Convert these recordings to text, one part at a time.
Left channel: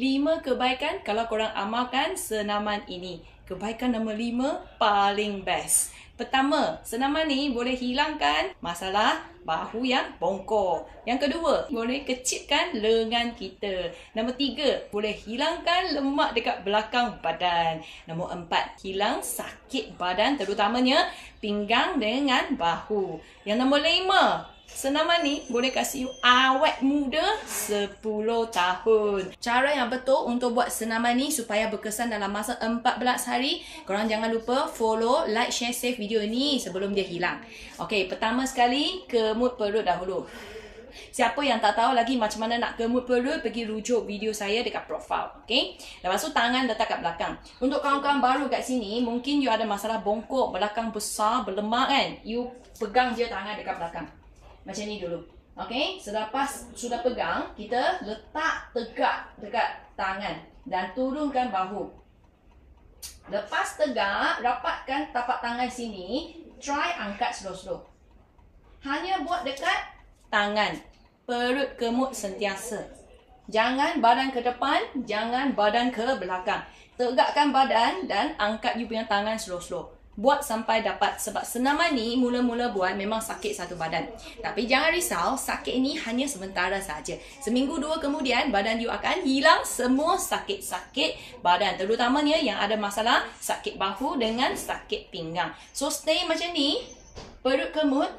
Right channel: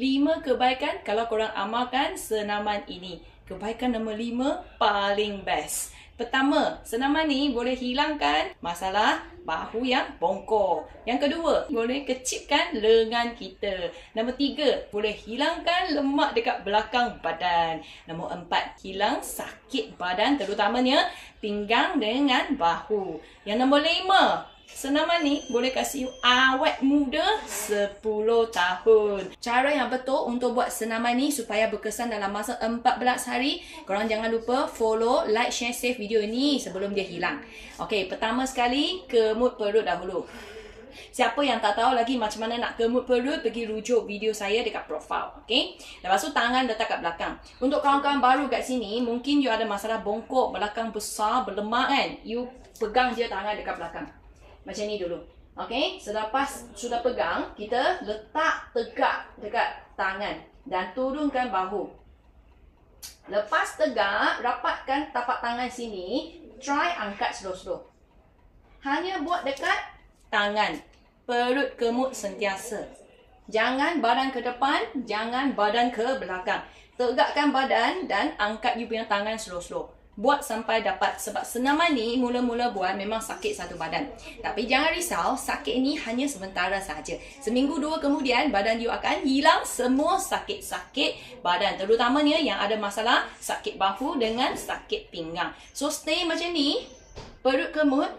5 kebaikan kalau korang amalkan senaman ini. Kebaikan nombor 5 paling best. Pertama, senaman ni boleh hilangkan masalah bahu yang bongkok. Yang kedua, boleh kecilkan lengan kita. Nombor 3, boleh hilangkan lemak dekat belakang badan. Nombor 4, hilang sakit badan terutamanya pinggang dengan bahu. Yang nombor 5, senaman ni boleh kasih you awet muda 10 tahun. Cara yang betul untuk buat senaman ni supaya berkesan dalam masa 14 hari, korang jangan lupa follow, like, share, save video ni sebelum dia hilang. Okey, pertama sekali kemut perut dahulu. Siapa yang tak tahu lagi macam mana nak kemut perut, pergi rujuk video saya dekat profile. Okey. Lepas tu tangan letak kat belakang. Untuk kawan-kawan baru kat sini, mungkin you ada masalah bongkok belakang besar, berlemak kan. You pegang je tangan dekat belakang. Macam ni dulu. Okey, selepas sudah pegang, kita letak tegak dekat tangan dan turunkan bahu. Lepas tegak, rapatkan tapak tangan sini, try angkat slow-slow. Hanya buat dekat tangan. Perut kemut sentiasa. Jangan badan ke depan, jangan badan ke belakang. Tegakkan badan dan angkat you punya tangan slow-slow. Buat sampai dapat, sebab senaman ni mula-mula buat memang sakit satu badan. Tapi jangan risau, sakit ni hanya sementara saja. Seminggu 2 kemudian badan you akan hilang semua sakit-sakit badan. Terutamanya yang ada masalah sakit bahu dengan sakit pinggang. So stay macam ni, perut kemut,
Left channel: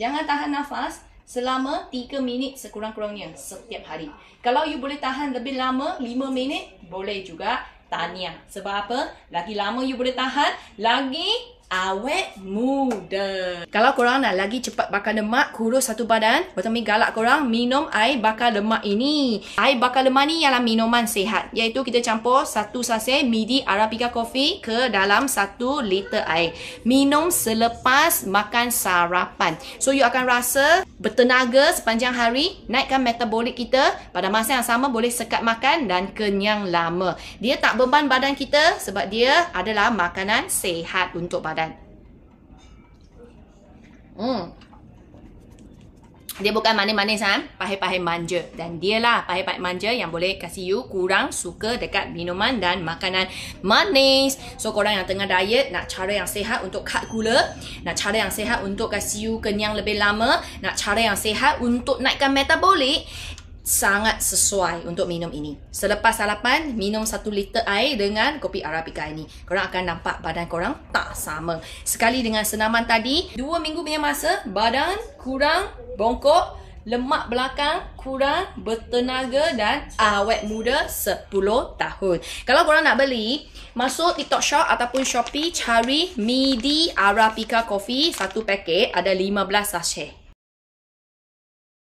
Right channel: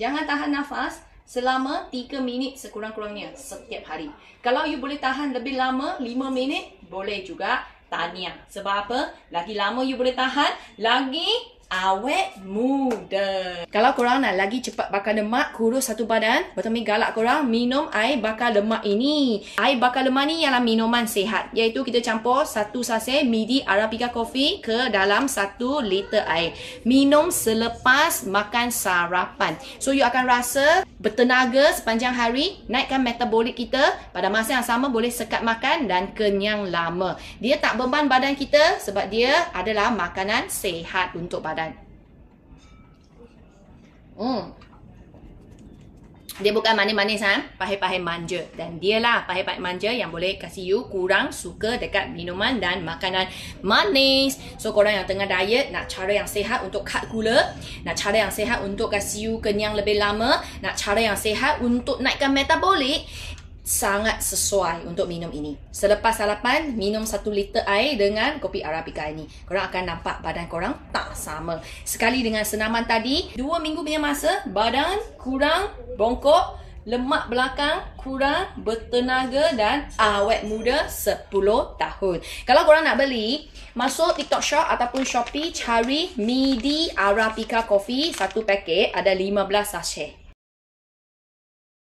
jangan tahan nafas selama 3 minit sekurang-kurangnya setiap hari. Kalau you boleh tahan lebih lama, 5 minit, boleh juga. Tahniah. Sebab apa? Lagi lama you boleh tahan, lagi awet muda. Kalau korang nak lagi cepat bakar lemak, kurus satu badan, Bertami galak korang minum air bakar lemak ini. Air bakar lemak ni ialah minuman sihat, iaitu kita campur 1 sachet midi Arabica coffee ke dalam 1 liter air. Minum selepas makan sarapan. So you akan rasa bertenaga sepanjang hari, naikkan metabolik kita, pada masa yang sama boleh sekat makan dan kenyang lama. Dia tak beban badan kita sebab dia adalah makanan sihat untuk badan. Dia bukan manis-manis, pahit-pahit manja. Dan dialah pahit-pahit manja yang boleh kasih you kurang suka dekat minuman dan makanan manis. So korang yang tengah diet, nak cara yang sihat untuk cut gula, nak cara yang sihat untuk kasih you kenyang lebih lama, nak cara yang sihat untuk naikkan metabolik, sangat sesuai untuk minum ini. Selepas sarapan, minum 1 liter air dengan kopi Arabica ini. Korang akan nampak badan korang tak sama. Sekali dengan senaman tadi, 2 minggu punya masa, badan kurang bongkok, lemak belakang kurang, bertenaga dan awet muda 10 tahun. Kalau korang nak beli, masuk TikTok Shop ataupun Shopee, cari midi Arabica coffee, 1 paket ada 15 sachet.